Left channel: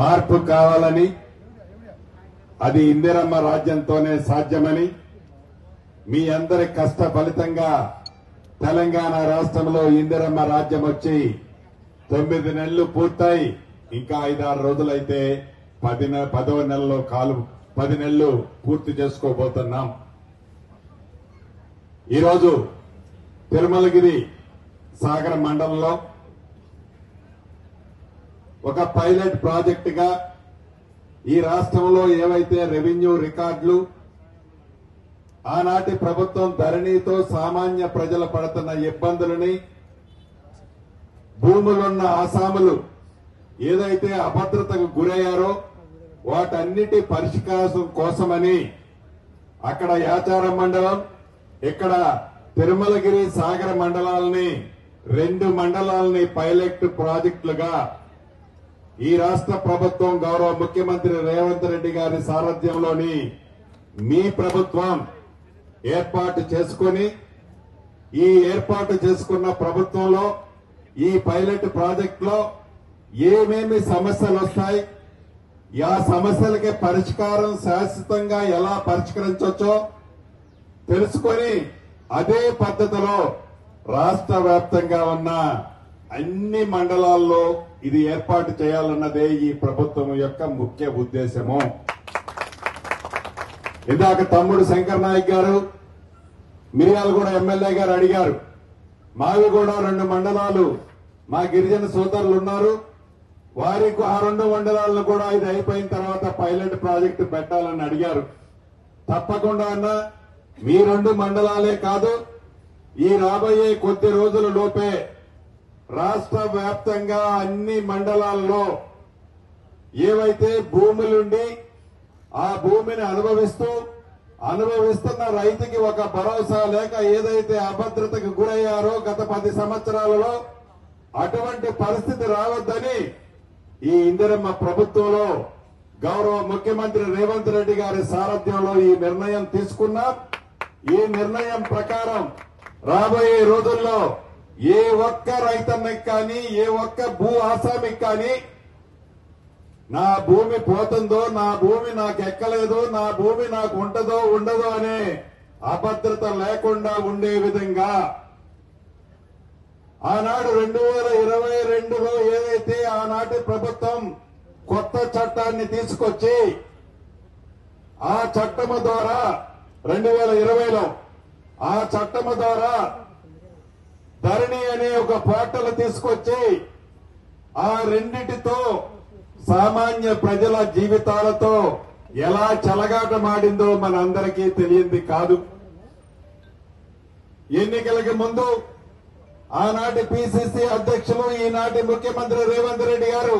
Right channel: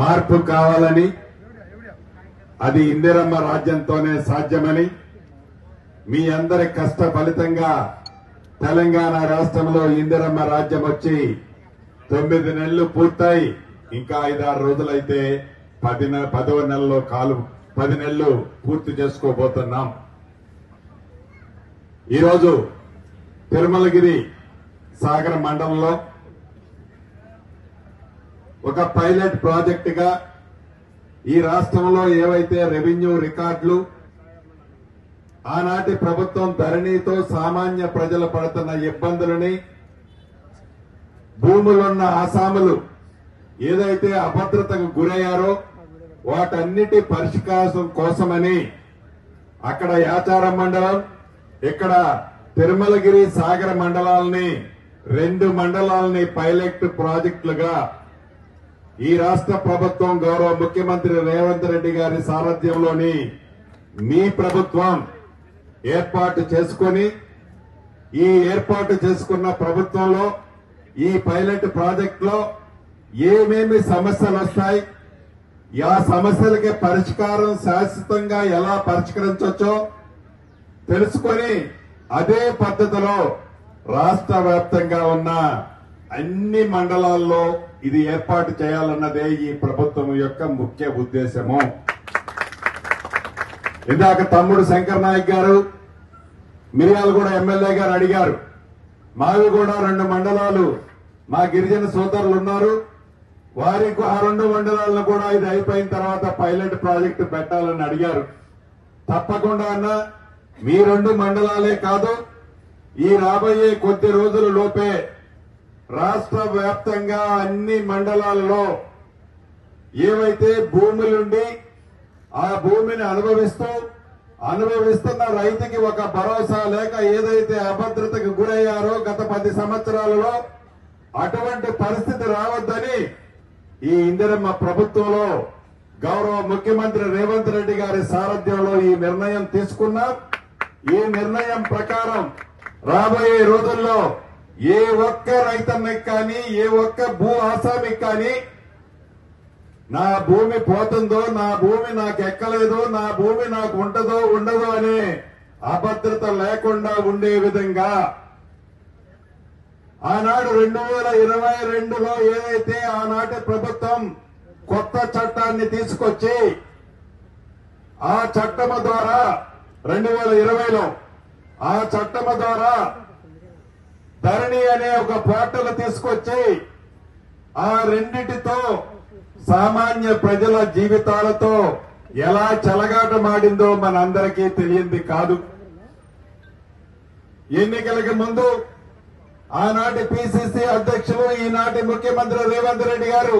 మార్పు కావాలని, అది ఇందిరమ్మ రాజ్యంతోనే సాధ్యమని, మీ అందరి కష్ట ఫలితంగా తెలంగాణ రాష్ట్రంలో ఇందిరమ్మ రాజ్యం వచ్చి 9 నెలలు పూర్తయి ఇంకా 5-6 రోజులైతే 10వ నెలలో 10 నెలలు పూర్తి చేసుకోబోతున్నాం. ఈరోజు తిరుమలగిరి సాగర మండలంలో ఒక పైలట్ ప్రాజెక్టుగా ఈ రాష్ట్రంలో ఏవైతే రెవెన్యూ రికార్డులు ఆనాటి ప్రభుత్వం ధరణితో సామాన్య ప్రజలు పడుతున్న ఇబ్బందులని, భూములున్న ఆసాములు ఏదైతే అభద్రతకు గురయ్యారో వాటన్నిటి పరిష్కారం కోసమని అక్కడ యాచారం మండలం, ఇక్కడ తిరుమలగిరి సాగర మండలాలని 2 మండలాలని పైలట్ ప్రాజెక్టులుగా ఈ రాష్ట్ర ప్రభుత్వం గౌరవ ముఖ్యమంత్రి రేవంత్ రెడ్డి గారి సారథ్యంలోని మీ ప్రభుత్వం ఏర్పాటు చేసుకుని, ఈ ఏర్పాటు చేసుకున్న ప్రభుత్వంలో ఈ పైలట్ ప్రాజెక్టులో ఏమేమి సమస్యలు వస్తాయి, ఆ సమస్యలకి పరిష్కారం శాశ్వతంగా ఎలా పరిష్కరించవచ్చో తెలుసుకొని అదే పద్ధతిలో రాష్ట్ర వ్యాప్తంగా ఉన్న అన్ని మండలాల్లో ఇది ఏర్పాటు చేయాలన్నదే ఈ ప్రభుత్వం యొక్క ముఖ్య ఉద్దేశము. ఇందాక తమ్ముడు శంకర్ నాయక్ గారు, మిర్యాలగూడ ఎమ్మెల్యే గారు అడిగారు. మావి కూడా 2 మండలాలు మా గిరిజన సోదరులు ఉన్నారు, వారికి ఆ 2 మండలాలను కూడా ఇది అయిపోయిన తర్వాత పైలట్ ప్రాజెక్టు పెట్టాలని అడిగారు. తప్పకుండా అన్న, మీ 2 మండలాలే కాదు, ఈ రాబోయే కొద్ది రోజుల లోపే రాష్ట్ర వ్యాప్తంగా అన్ని మండలాల్లో ఏవైతే భూములుండి ఆ భూమిని అనుభవిస్తున్న రైతుకి ఒక భరోసా లేక ఏదైతే అభద్రతకు గురయ్యారో గత 10 సంవత్సరాలలో అటువంటి పరిస్థితి రావద్దని ఈ ఇందిరమ్మ ప్రభుత్వంలో గౌరవ ముఖ్యమంత్రి రేవంత్ రెడ్డి గారి సారథ్యంలో ఈ నిర్ణయం తీసుకున్నాం. ఈ నిర్ణయం ప్రకారం రాబోయే రోజుల్లో ఏ ఒక్క రైతన్నకి కానీ, ఏ ఒక్క భూ ఆసామికి కానీ నా భూమి పోతుందో, నా భూమి నాకు ఎక్కలేదో, నా భూమి నాకు ఉంటుందో ఉండదో అనే అభద్రత లేకుండా ఉండే విధంగా ఆనాడు 2022లో ఏదైతే ఆనాటి ప్రభుత్వం కొత్త చట్టాన్ని తీసుకొచ్చి ఆ చట్టము ద్వారా 2020లో ఆ చట్టము ద్వారా ధరణి అనే ఒక పోర్టల్ తీసుకొచ్చి ఆ రెండిటితో సామాన్య ప్రజల జీవితాలతో ఎలా చెలగాటమాడిందో మనందరికీ తెలియంది కాదు. ఎన్నికలకు ముందు ఆనాటి పిసిసి అధ్యక్షులు, ఈనాటి ముఖ్యమంత్రి రేవంత్ రెడ్డి గారు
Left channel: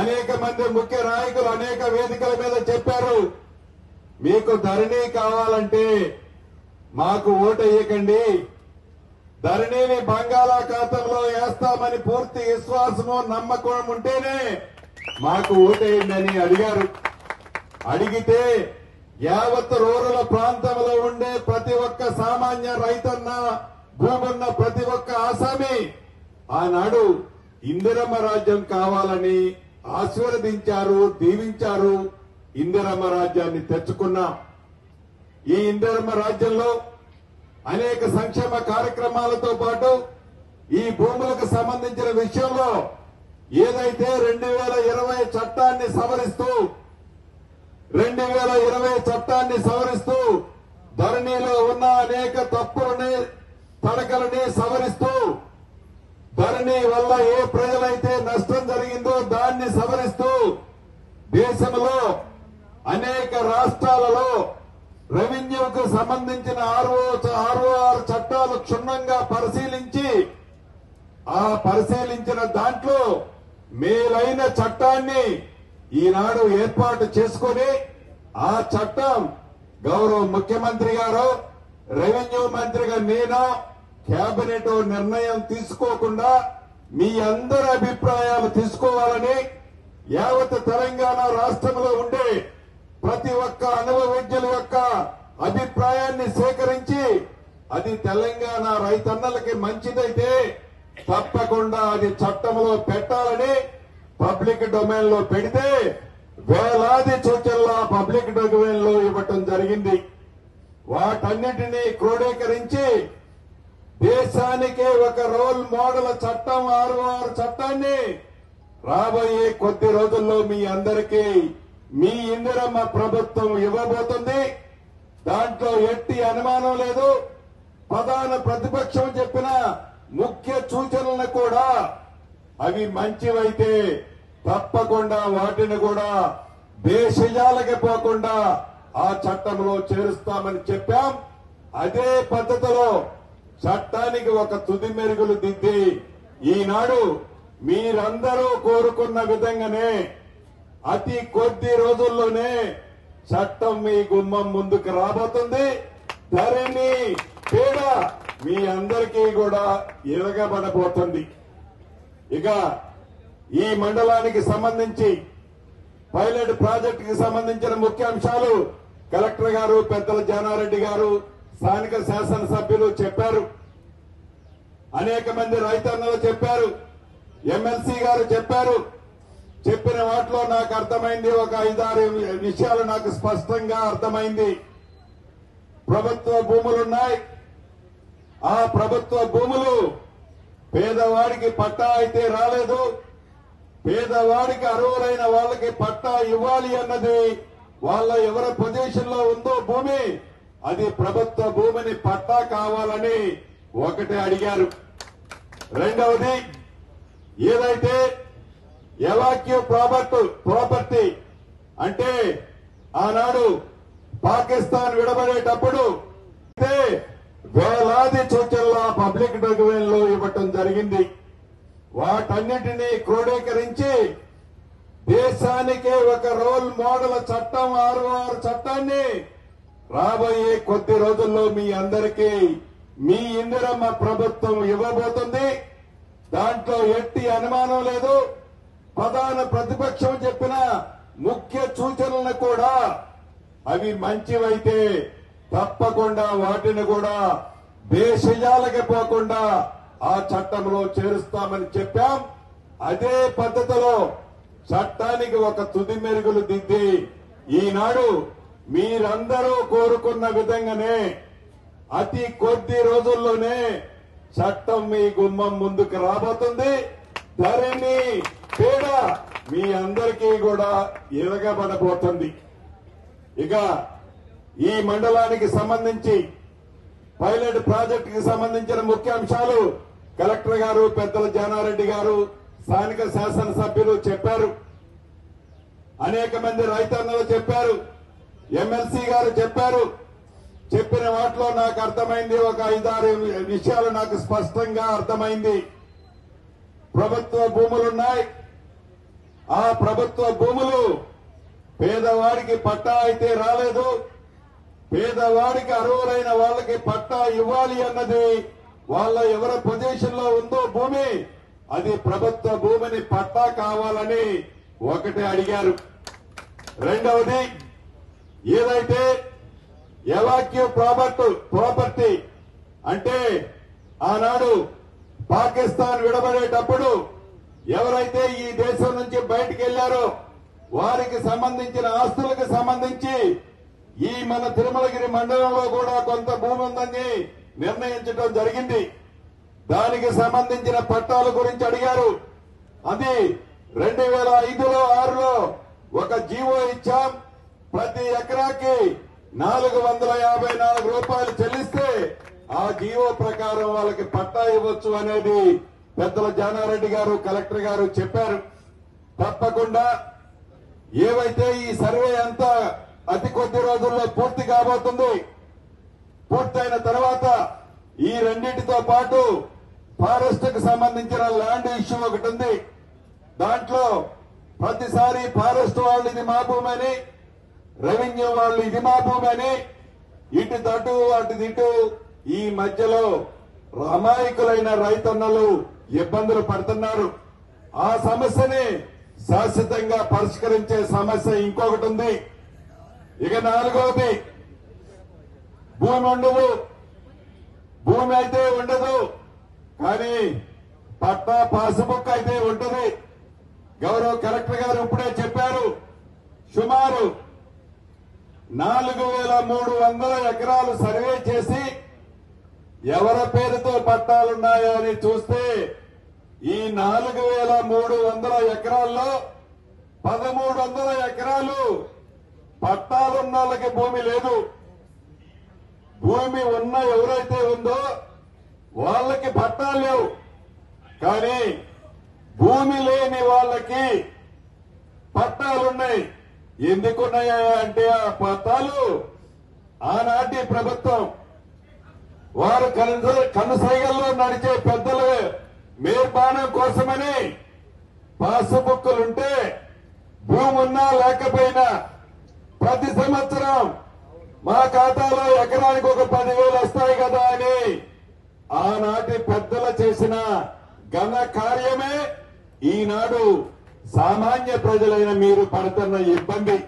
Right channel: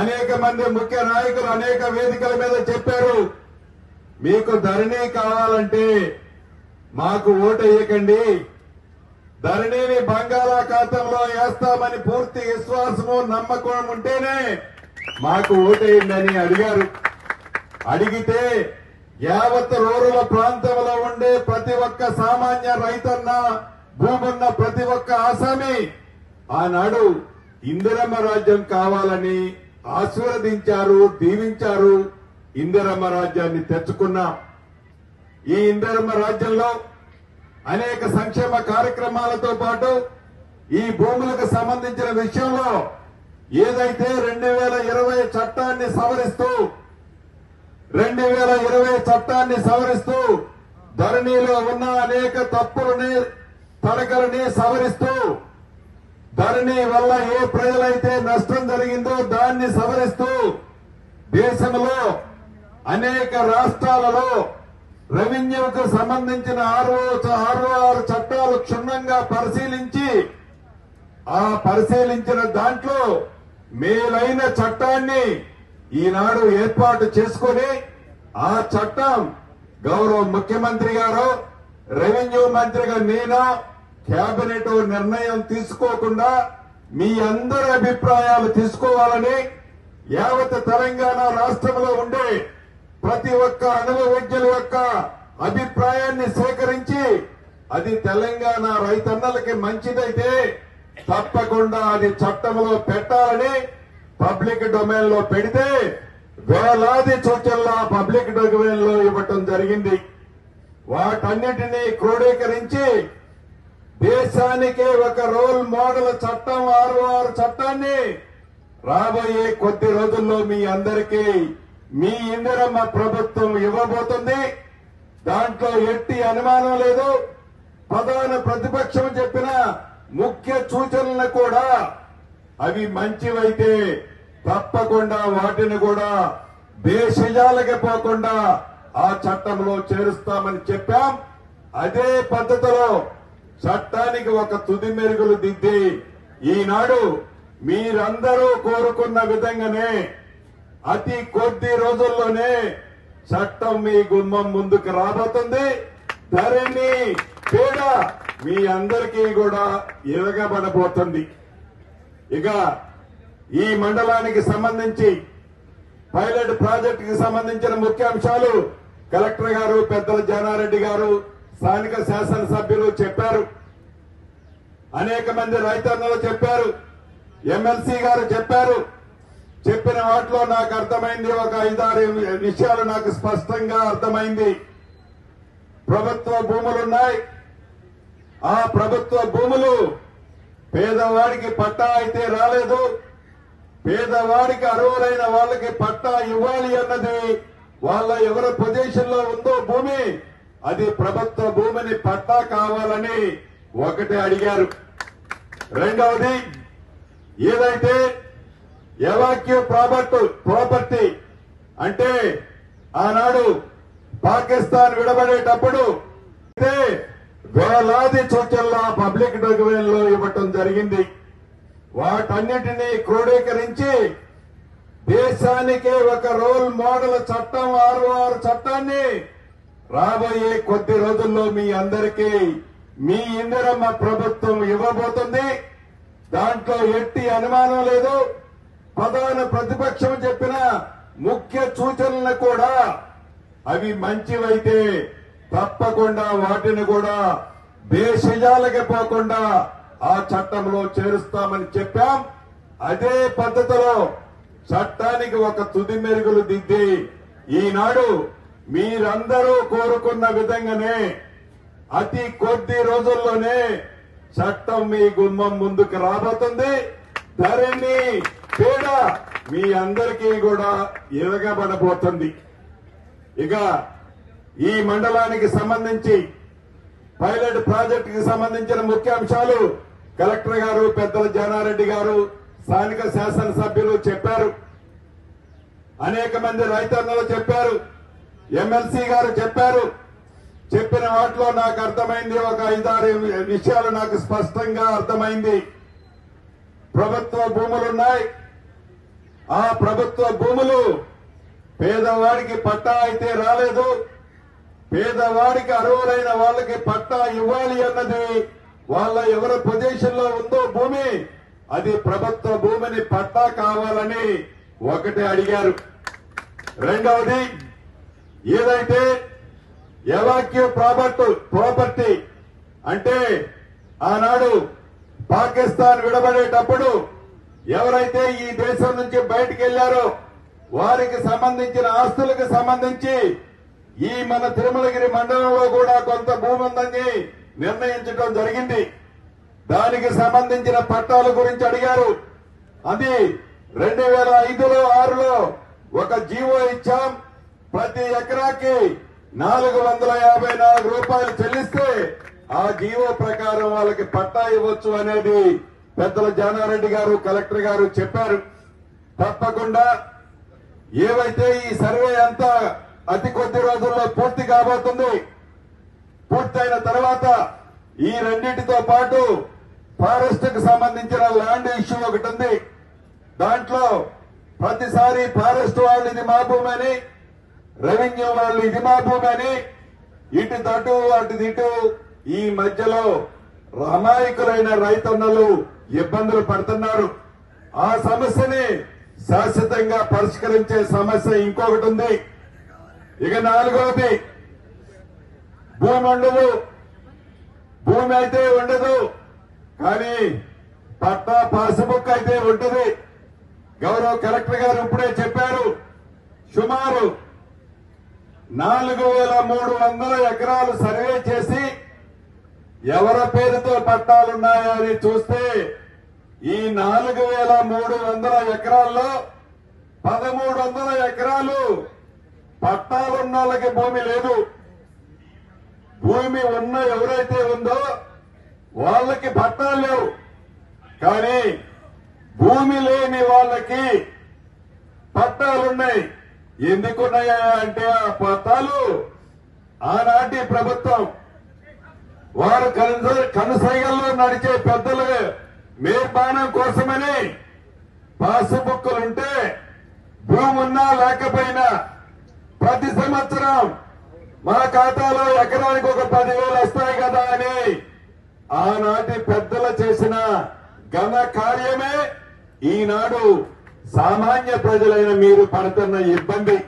అనేక మంది ముఖ్య నాయకులు అనేక వేదికల మీద చెప్పారు, మీకు ధరణి కావాలంటే మాకు ఓటేయకండి, ధరణిని బంగాళాఖాతంలో వేస్తామని పూర్తి విశ్వాసము నమ్మకం ఉంటేనే మాకు ఓటేయండి అని అడిగారు. అడిగితే యావత్ రూరల్ ప్రాంతంలో ఉండే ప్రతి ఒక్క సామాన్య రైతన్న, భూమున్న ప్రతి ఒక్క ఆసామి ఆనాడు ఇందిరమ్మ రాజ్యం కావాలని ఆశీర్వదించారు, దీవించారు. ఇందిరమ్మ రాజ్యాన్ని తెచ్చుకున్నాం. ఈ ఇందిరమ్మ రాజ్యంలో అనేక సంక్షేమ కార్యక్రమాలతో పాటు ఈ భూములకు సంబంధించిన విషయంలో ఏదైతే 2020 చట్టాన్ని సవరిస్తూ ధరణిలో ఉన్న అనేక తప్పులని, తడకలని సవరిస్తూ ధరణి వల్ల ఏ ప్రజలైతే నష్టం జరిగిందో దాన్ని సవరిస్తూ దేశంలో అనేక రాష్ట్రాలలో రెవెన్యూకు సంబంధించిన 6 చట్టాలు క్షుణ్ణంగా పరిశీలించి ఆ పరిశీలించిన దాంట్లో మేలైన చట్టాన్ని ఈనాడు ఏర్పాటు చేసుకుని ఆ చట్టం గౌరవ ముఖ్యమంత్రి గారు, రెవెన్యూ మంత్రిగా నేను కేబినెట్ నిర్ణయం తీసుకోకుండా మీ అందరి అభిప్రాయాలు తీసుకోవాలని యావత్ తెలంగాణ రాష్ట్రంలో ఉండే ప్రతి ఒక్క అనుభవజ్ఞుల యొక్క అభిప్రాయాన్ని సేకరించి అది తెలంగాణ రైతన్నలకి మంచిదైతే తప్పకుండా అది చట్టంలో పెట్టాలని పబ్లిక్ డొమైన్ లో పెడితే వేలాది సూచనలు ఆ పబ్లిక్ డొమైన్ లో ఇవ్వటం జరిగింది. వాటన్నిటినీ క్రోడీకరించి దేశానికే ఒక రోల్ మోడల్ చట్టం 66 చట్టాన్ని రాబోయే కొద్ది రోజుల్లో మీ అందరికీ మీ ఇందిరమ్మ ప్రభుత్వం ఇవ్వబోతుంది. దాంట్లో ఎట్టి అనుమానం లేదు. ప్రధాన ప్రతిపక్షం చెప్పిన ముఖ్య సూచనలను కూడా అవి మంచివైతే తప్పకుండా వాటిని కూడా దేశజాలకి పోకుండా ఆ చట్టంలో చేరుస్తామని చెప్పాం. అదే పద్ధతిలో చట్టానికి ఒక తుది మెరుగులు దిద్ది ఈనాడు మీరందరూ కోరుకున్న విధంగానే అతి కొద్ది రోజుల్లోనే చట్టం మీ గుమ్మం ముందుకు రాబోతుంది. ధరణి పీడ మీ అందరికీ కూడా ఇరగబడబోతుంది. ఇక ఈ మండలానికి సంబంధించి పైలట్ ప్రాజెక్టుకి సంబంధించిన ముఖ్య అంశాలు కలెక్టర్ గారు, పెద్దల జానారెడ్డి గారు, స్థానిక శాసనసభ్యులు చెప్పారు. అనేక మంది రైతన్నలు చెప్పారు. ఎమ్మెల్సీ గారు చెప్పారు. చెప్పిన వాటిలో నాకు అర్థమైంది ఒక 5-6 విషయాలు నాకు స్పష్టంగా అర్థమైంది. ప్రభుత్వ భూములున్నాయి. ఆ ప్రభుత్వ భూములు పేదవాడికి పట్టా అయితే రాలేదు. పేదవాడికి అర్హులైన వాళ్ళకి పట్టా ఇవ్వాలి అన్నది వాళ్ళ ఎవరి పొజిషన్ లో ఉందో భూమి అది ప్రభుత్వ భూమిని పట్టా కావాలని ఒకటి అడిగారు. రెండవది ఏదైతే ఎవాక్యూ ప్రాపర్టీ అంటే ఆనాడు పాకిస్తాన్ విడబడేటప్పుడు వేలాది సూచనలు ఆ పబ్లిక్ డొమైన్ లో ఇవ్వటం జరిగింది. వాటన్నిటినీ క్రోడీకరించి దేశానికే ఒక రోల్ మోడల్ చట్టం 66 చట్టాన్ని రాబోయే కొద్ది రోజుల్లో మీ అందరికీ మీ ఇందిరమ్మ ప్రభుత్వం ఇవ్వబోతుంది. దాంట్లో ఎట్టి అనుమానం లేదు. ప్రధాన ప్రతిపక్షం చెప్పిన ముఖ్య సూచనలను కూడా అవి మంచివైతే తప్పకుండా వాటిని కూడా దేశజాలకి పోకుండా ఆ చట్టంలో చేరుస్తామని చెప్పాం. అదే పద్ధతిలో చట్టానికి ఒక తుది మెరుగులు దిద్ది ఈనాడు మీరందరూ కోరుకున్న విధంగానే అతి కొద్ది రోజుల్లోనే చట్టం మీ గుమ్మం ముందుకు రాబోతుంది. ధరణి పీడ మీ అందరికీ కూడా ఇరగబడబోతుంది. ఇక ఈ మండలానికి సంబంధించి పైలట్ ప్రాజెక్టుకి సంబంధించిన ముఖ్య అంశాలు కలెక్టర్ గారు, పెద్దల జానారెడ్డి గారు, స్థానిక శాసనసభ్యులు చెప్పారు. అనేక మంది రైతన్నలు చెప్పారు. ఎమ్మెల్సీ గారు చెప్పారు. చెప్పిన వాటిలో నాకు అర్థమైంది ఒక 5-6 విషయాలు నాకు స్పష్టంగా అర్థమైంది. ప్రభుత్వ భూములున్నాయి. ఆ ప్రభుత్వ భూములు పేదవాడికి పట్టా అయితే రాలేదు. పేదవాడికి అర్హులైన వాళ్ళకి పట్టా ఇవ్వాలి అన్నది వాళ్ళ ఎవరి పొజిషన్ లో ఉందో భూమి అది ప్రభుత్వ భూమిని పట్టా కావాలని ఒకటి అడిగారు. రెండవది ఏదైతే ఎవాక్యూ ప్రాపర్టీ అంటే ఆనాడు పాకిస్తాన్ విడబడేటప్పుడు ఎవరైతే ఈ దేశం నుంచి బయటికి వెళ్లారో వారికి సంబంధించిన ఆస్తులకు సంబంధించి ఈ మన తిరుమలగిరి మండలంలో కూడా కొంత భూమి ఉందని నిర్ణయించడం జరిగింది. దానికి సంబంధించిన పట్టాల గురించి అడిగారు. అది 2005లో 6లో ఒక జీవో ఇచ్చాం. ప్రతి ఎకరాకి 454 రూపాయలు చెల్లిస్తే ఆ జీవో ప్రకారం వాళ్ళకి పట్టా ఇవ్వచ్చు అనేది పెద్దల జానారెడ్డి గారు, కలెక్టర్ గారు చెప్పారు. తప్పకుండా ఏవైతే ఈ సర్వే అంతా అతి కొద్ది రోజుల్లో పూర్తి కాబోతుంది. పూర్తయిన తర్వాత ఈ రెండింటితో పాటు ఫారెస్ట్ కు సంబంధించిన ల్యాండ్ ఇష్యూ ఒకటి ఉంది. దాంట్లో ప్రతిసారి ఫారెస్ట్ వాళ్ళు ఇది మా భూమి అని, రెవెన్యూ వాళ్ళు ఇది మా భూమి అని, ఇటు తటు అటు ఇటు ఈ మధ్యలో అమాయకులైన రైతన్నలు ఇబ్బందులు పడుతున్నారు. ఆ సమస్యని శాశ్వతంగా పరిష్కరించే సమస్య ఇంకొకటి ఉంది. ఇక 4వది భూమి ఉండదు. భూమి అయితే ఉండదు కానీ పట్టా పాస్బుక్ అయితే ఉంటుంది. గౌరవ కలెక్టర్ గారు ఇప్పుడే చెప్పారు, సుమారు 4,300 ఎకరాలు సర్వే చేసి ఎవరి పేరుతో పట్టాలున్నాయా అని చూస్తే ఈ 4,300 ఎకరాల్లో 1,300 ఎకరాలు పట్టాలున్న వాళ్ళకి భూమి లేదు. భూమి ఉన్న ఎవరైతే ఉందో వాళ్ళకి పట్టాలు లేవు. కానీ భూమి లేని వాళ్ళకి పట్టాలున్నాయి. ఎందుకున్నాయా అంటే ఆ పట్టాలు ఆనాటి ప్రభుత్వం వారు కనుసైగల్లో నడిచే పెద్దలు మేర్పానం కోసమని పాసుబుక్కులుంటే భూమి ఉన్నా లేకపోయినా ప్రతి సంవత్సరం మా ఖాతాలో ఎకరానికి ఒక 10,000 వస్తాయి కదా అని ఆనాటి పెద్దలు చేసిన ఘన కార్యమే ఈనాడు సామాన్య ప్రజలైన మీరు పడుతున్న ఇబ్బంది.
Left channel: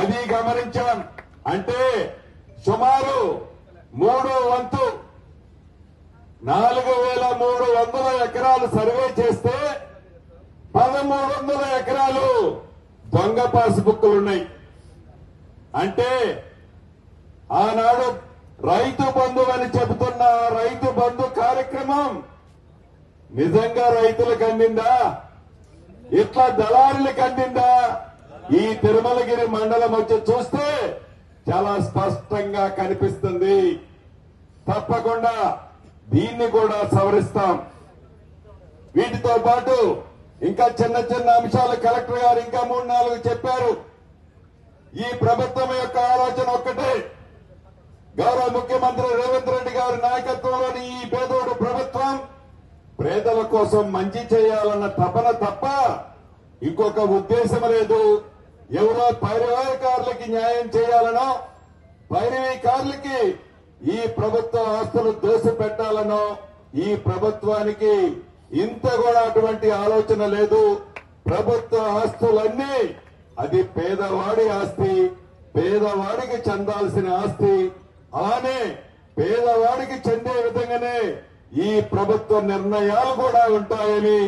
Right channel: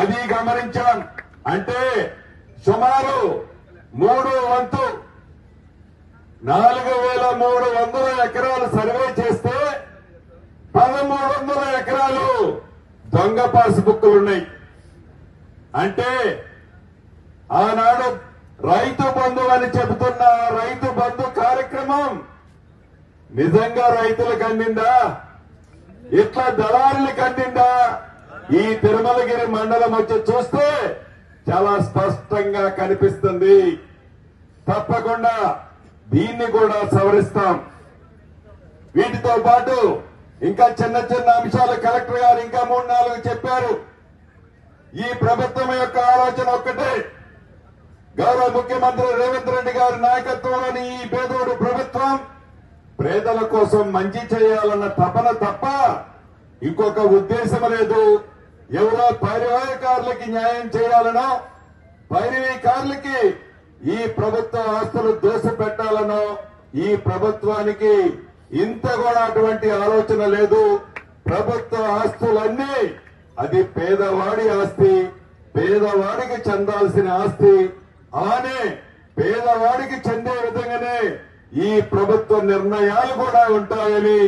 అది గమనించాం. అంటే సుమారు 3 వంతు 4,300 ఎకరాలు సర్వే చేస్తే 1,300 ఎకరాలు దొంగ పాసుబుక్కులున్నాయి. అంటే ఆనాడు రైతు బంధు అని చెబుతున్న రైతు బంధు కార్యక్రమం నిజంగా రైతులకు అందిందా? ఇట్లా దళారులకు అందిందా? ఈ తిరుమలగిరి మండలం వచ్చి చూస్తే చాలా స్పష్టంగా కనిపిస్తుంది. తప్పకుండా దీన్ని కూడా సవరిస్తాం. వీటితో పాటు ఇంకా చిన్న చిన్న అంశాలు కలెక్టర్ గారు ఇంకా 3-4 చెప్పారు. ఈ ప్రభుత్వం యొక్క ఆలోచన ఒక్కటే, గౌరవ ముఖ్యమంత్రి రేవంత్ రెడ్డి గారి నాయకత్వంలోని ఈ పేదోడు ప్రభుత్వం పేదల కోసం మంచి చేయాలన్న తపన తప్ప ఇంకొక ఉద్దేశం లేదు. ఎవరో పైరవీకారులకి న్యాయం చేయాలనో పైరవీకారులకి ఈ ప్రభుత్వ ఆస్తులు దోసిపెట్టాలనో ఈ ప్రభుత్వానికి ఇంత కూడా అటువంటి ఆలోచన లేదు. ప్రభుత్వ ఆస్తులన్నీ అది పేదవాడి ఆస్తి, పేదవాడికి చెందాల్సిన ఆస్తి. అలానే పేదవాడికి చెందే విధంగానే ఈ ప్రభుత్వ నిర్ణయాలు కూడా ఉంటాయని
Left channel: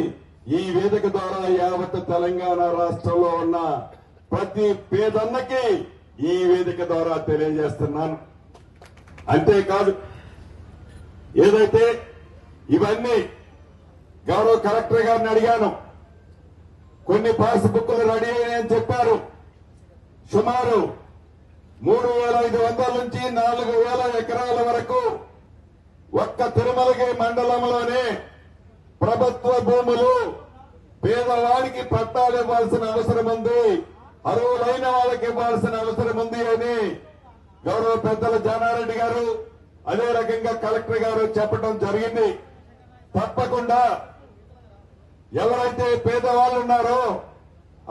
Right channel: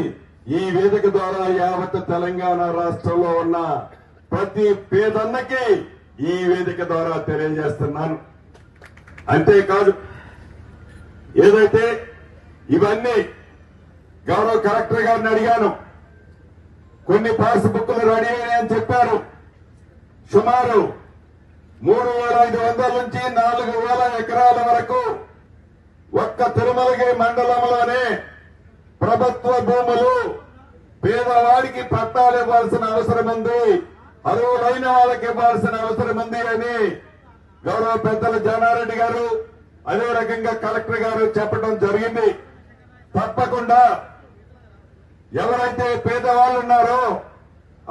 ఈ వేదిక ద్వారా యావత్ తెలంగాణ రాష్ట్రంలో ఉన్న ప్రతి పేదన్నకి ఈ వేదిక ద్వారా తెలియజేస్తున్నాను. అంతేకాదు, ఏదైతే ఇవన్నీ గౌరవ కలెక్టర్ గారిని అడిగాను, కొన్ని పాస్బుక్లు రెడీ అయ్యాయని చెప్పారు. సుమారు 3,500 నుంచి 4,000 ఎకరాల వరకు ఒక్క తిరుమలగిరి మండలంలోనే ప్రభుత్వ భూములు పేదవాడికి పట్టాలు ఇవ్వాల్సిన అవసరం ఉంది, అర్హులైన వాళ్ళకి ఇవ్వాల్సిన అవసరం ఉంది అని గౌరవ పెద్దలు జానారెడ్డి గారు అదే రకంగా కలెక్టర్ గారు చెప్పడం జరిగింది. తప్పకుండా ఎవరైతే పేదవాళ్ళు ఉన్నారో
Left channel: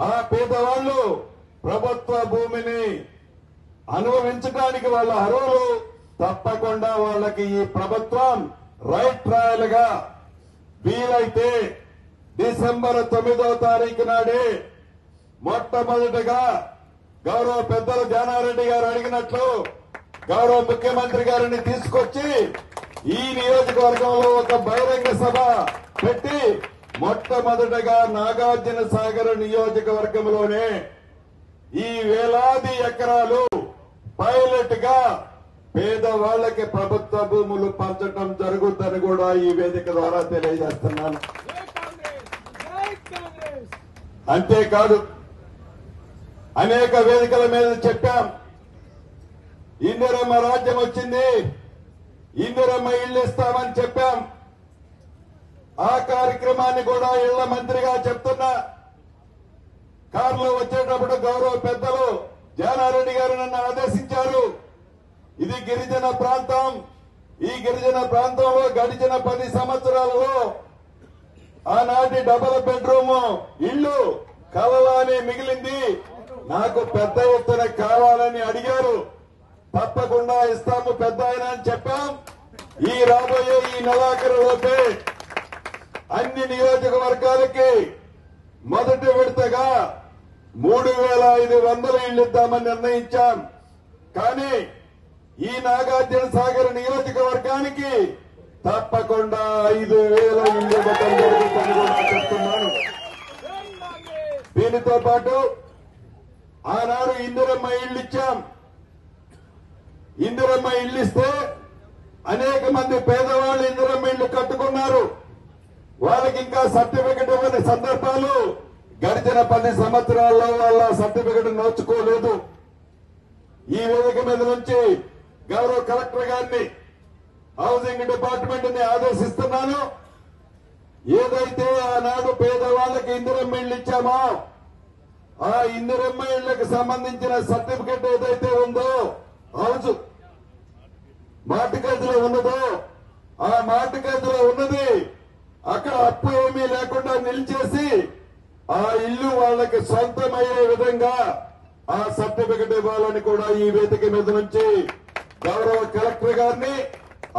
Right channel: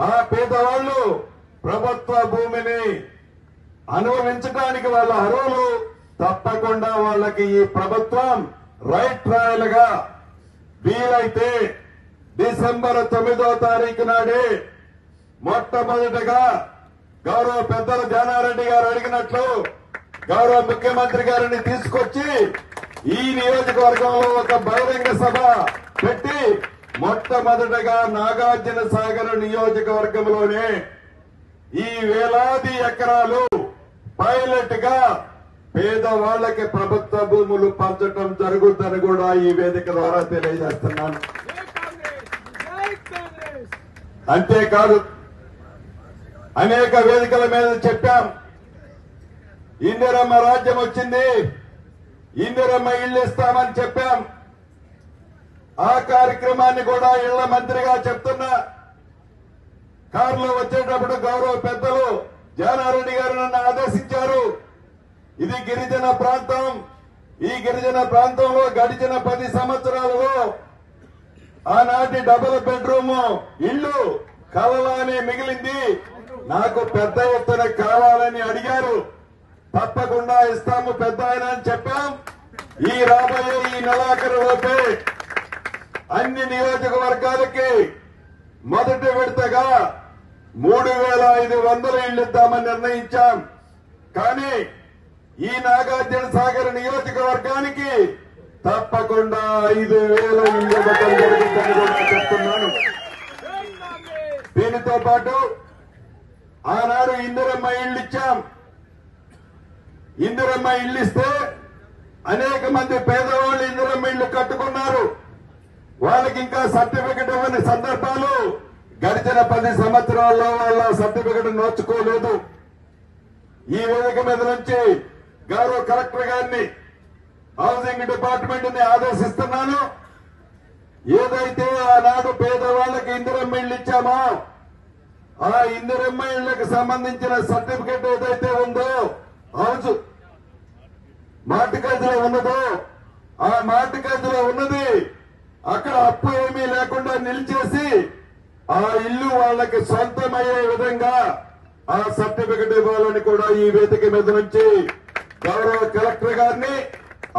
ఆ పేదవాళ్లు ప్రభుత్వ భూమిని అనుభవించడానికి వాళ్ళ అర్హులు. తప్పకుండా వాళ్ళకి ఈ ప్రభుత్వం రైట్ ట్రయల్ గా వీలైతే డిసెంబర్ 9వ తారీఖు నాడే మొట్టమొదటిగా గౌరవ పెద్దలు జానారెడ్డి గారు అడిగినట్లు గౌరవ ముఖ్యమంత్రి గారిని తీసుకొచ్చి ఈ నియోజకవర్గంలో ఒక బహిరంగ సభ పెట్టి మొట్టమొదటిగా నాగార్జున సాగర్ నియోజకవర్గంలోనే ఈ వేలాది ఎకరాలు పైలట్ గా పేదవాళ్లకి ప్రభుత్వ భూములు పంచడం జరుగుతుందని కూడా ఈ వేదిక ద్వారా తెలియజేస్తున్నాను. అంతేకాదు, అనేక వేదికల మీద చెప్పాం, ఇందిరమ్మ రాజ్యం వచ్చింది, ఇందిరమ్మ ఇళ్లు ఇస్తామని చెప్పాం. ఆ కార్యక్రమాన్ని కూడా ఇళ్ల మంత్రిగా చెప్తున్నా. కారులో వచ్చేటప్పుడు గౌరవ పెద్దలు జానారెడ్డి గారు నన్ను ఆదేశించారు, ఇది గిరిజన ప్రాంతం, ఈ గిరిజన ప్రాంతంలో గడిచిన 10 సంవత్సరాలలో ఆనాటి డబుల్ బెడ్రూమ్ ఇళ్లు కావాలని మిగిలింది, నాకు పెద్ద ఎత్తున కావాలని అడిగారు. తప్పకుండా ఇస్తాము పెద్ద ఆయన అని చెప్పాం. ఈ రాబోయే ఈ నెలాఖరులోపే అన్ని నియోజకవర్గాలకి మొదటి విడతగా 3,500 ఇళ్లు ఇద్దామని నిర్ణయించాం. కానీ ఈ నాగార్జున సాగర్ నియోజకవర్గానికి తప్పకుండా 5,000 ఇళ్లు ఇవ్వడం జరుగుతుందని చెప్తున్నాను. దీనితో పాటు ఆనాడు ఇందిరమ్మ ఇళ్ళు ఇచ్చాం. ఇందిరమ్మ ఇళ్ళు ఇస్తే అనేక మంది పేదవాళ్ళు ఇందిరమ్మ ఇళ్ళు కట్టుకున్నారు. వాళ్ళకి ఇంకా సర్టిఫికెట్ ఇవ్వని సందర్భాలు గడిచిన 10 సంవత్సరాల్లో వాళ్ళ సర్టిఫికెట్ నోచుకోలేదు. ఈ వేదిక మీద నుంచి గౌరవ కలెక్టర్ గారిని, హౌసింగ్ డిపార్ట్మెంట్ ని ఆదేశిస్తున్నాను. ఏదైతే ఆనాడు పేదవాళ్ళకి ఇందిరమ్మ ఇళ్ళు ఇచ్చామో ఆ ఇందిరమ్మ ఇళ్లకు సంబంధించిన సర్టిఫికెట్ ఏదైతే ఉందో హౌస్ మార్టిగేజ్లో ఉన్నదో ఆ మార్టిగేజ్లో ఉన్నది అక్కడ అప్పు ఏమీ లేకుండా నిలిచేసి ఆ ఇల్లు వాళ్ళకి సొంతమయ్యే విధంగా ఆ సర్టిఫికెట్ ఇవ్వాలని కూడా ఈ వేదిక మీద నుంచి గౌరవ కలెక్టర్ గారిని,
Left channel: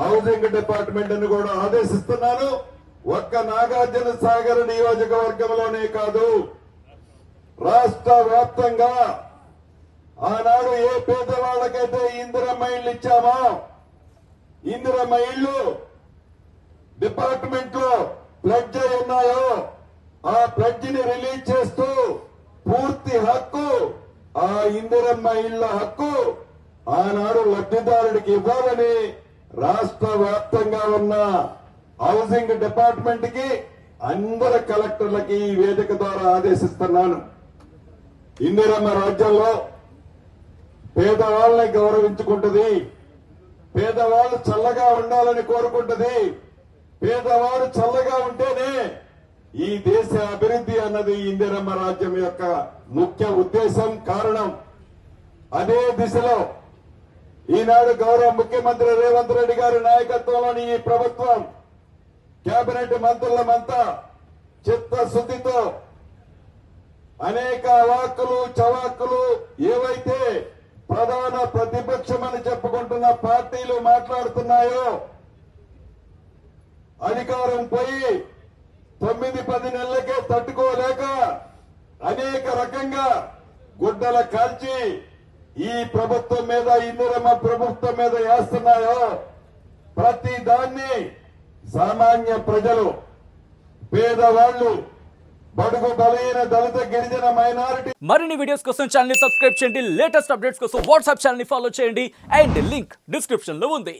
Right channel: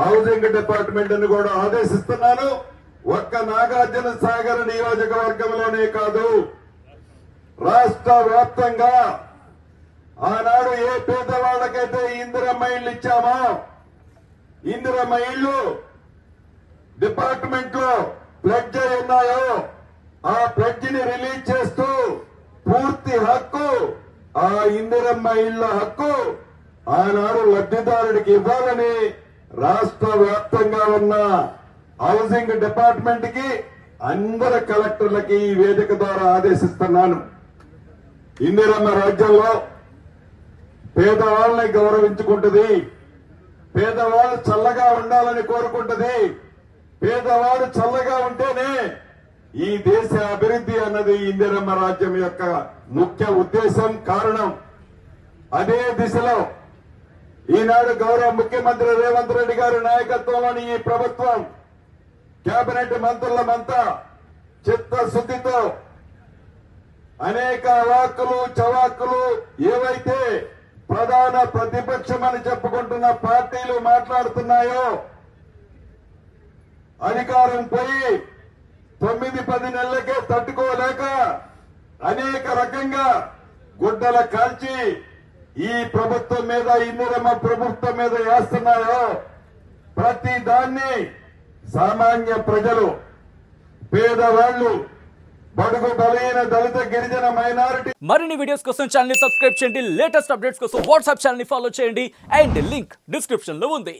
హౌసింగ్ డిపార్ట్మెంట్ ని కూడా ఆదేశిస్తున్నాను. ఒక్క నాగార్జున సాగర్ నియోజకవర్గంలోనే కాదు, రాష్ట్ర వ్యాప్తంగా ఆనాడు ఏ పేదవాళ్ళకైతే ఇందిరమ్మ ఇళ్ళు ఇచ్చామో ఇందిరమ్మ ఇళ్ళు డిపార్ట్మెంట్ లో ప్లెడ్జ్ అయి ఉన్నాయో ఆ ప్లెడ్జ్ ని రిలీజ్ చేస్తూ పూర్తి హక్కు, ఆ ఇందిరమ్మ ఇళ్ల హక్కు ఆనాడు లబ్ధిదారుడికి ఇవ్వాలని రాష్ట్ర వ్యాప్తంగా ఉన్న హౌసింగ్ డిపార్ట్మెంట్ కి అందరు కలెక్టర్లకి ఈ వేదిక ద్వారా ఆదేశిస్తున్నాను. ఇందిరమ్మ రాజ్యంలో పేదవాళ్ళని గౌరవించుకుంటుంది, పేదవాళ్ళు చల్లగా ఉండాలని కోరుకుంటుంది. పేదవాడు చల్లగా ఉంటేనే ఈ దేశ అభివృద్ధి అన్నది ఇందిరమ్మ రాజ్యం యొక్క ముఖ్య ఉద్దేశం, కారణం. అదే దిశలో ఈనాడు గౌరవ ముఖ్యమంత్రి రేవంత్ రెడ్డి గారి నాయకత్వంలోని ఈ ప్రభుత్వం కేబినెట్ మంత్రులమంతా చిత్తశుద్ధితో అనేక అవాక్కులు చవాక్కులు ఏవైతే ప్రధాన ప్రతిపక్షమని చెప్పుకుంటున్న పార్టీలు మాట్లాడుతున్నాయో, అధికారం పోయి 9-10 నెలలకే తట్టుకోలేక అనేక రకంగా గుడ్డల కాల్చి ఈ ప్రభుత్వం మీద, ఇందిరమ్మ ప్రభుత్వం మీద వేస్తున్నాయో ప్రతి దాన్ని సామాన్య ప్రజలు, పేదవాళ్లు, బడుగు బలైన దళిత గిరిజన మైనారిటీ మరిన్ని వీడియోస్ కోసం ఛానల్ ని సబ్స్క్రైబ్ చేయండి. లేటెస్ట్ అప్డేట్స్ కోసం వాట్సాప్ ఛానల్ ని ఫాలో చేయండి. అండ్ లింక్ డిస్క్రిప్షన్ లో ఉంది.